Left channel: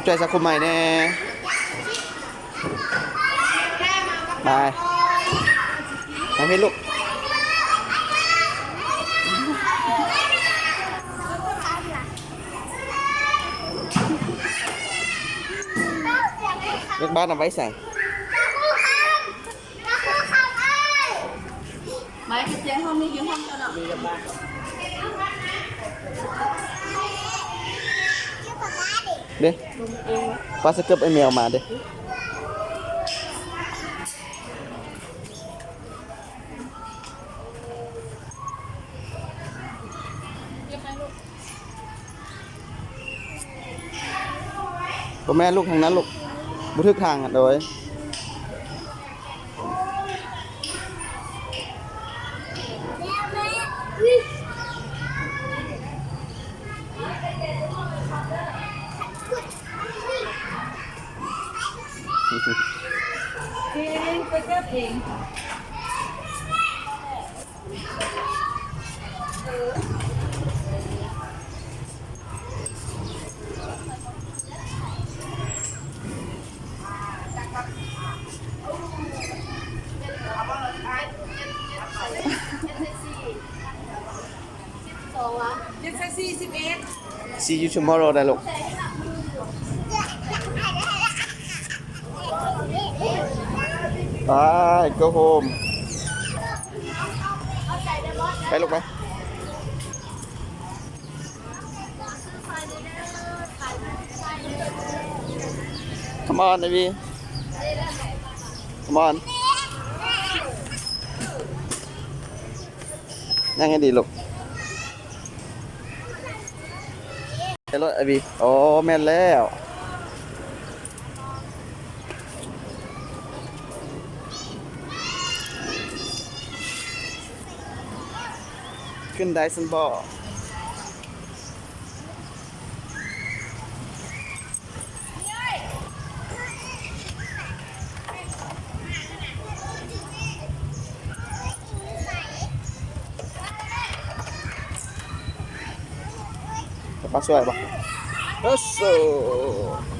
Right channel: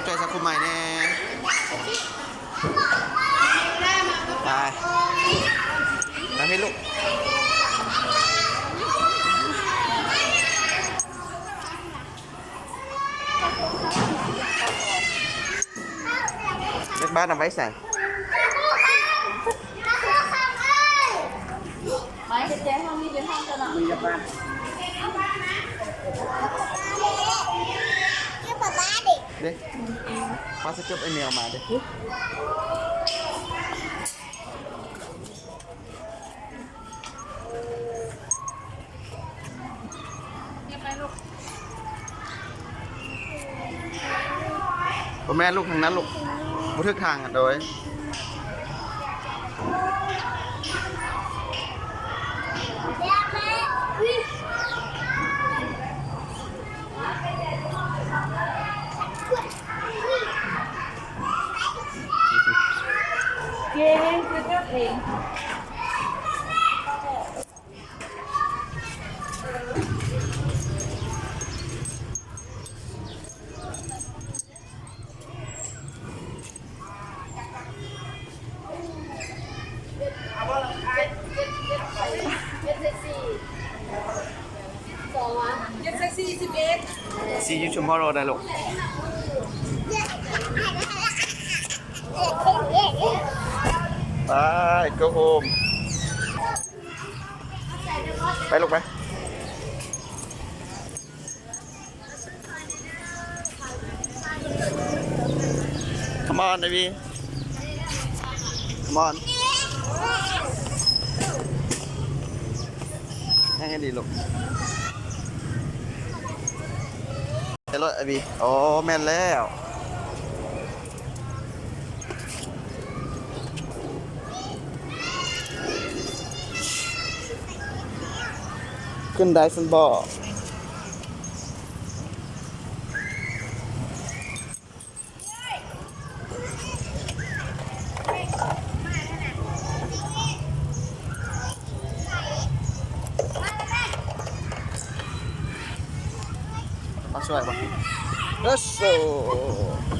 ขอบใจสักคนใหม่แน่ไปมาพี่ลูกเล็กบ้านเอาไว้ใส่ไม้กระเจี๊ยบห้องนี้ยืนห้องเจ้าหน้ามีบ้านเด้ป้าสเก็ตไอเมลมาเด้พ่อแม่ลูกทางนั้นลูกบุทึกทางโดยเองก็เก็บเองSee you tomorrow ได้ลูกไป go home ไปลูกไป Come on baby Come on นั่งให้ดีลูกไปรถบีโอ้แม่นแล้วขึ้นได้สันบ่มาช่วยป่ะ Let's go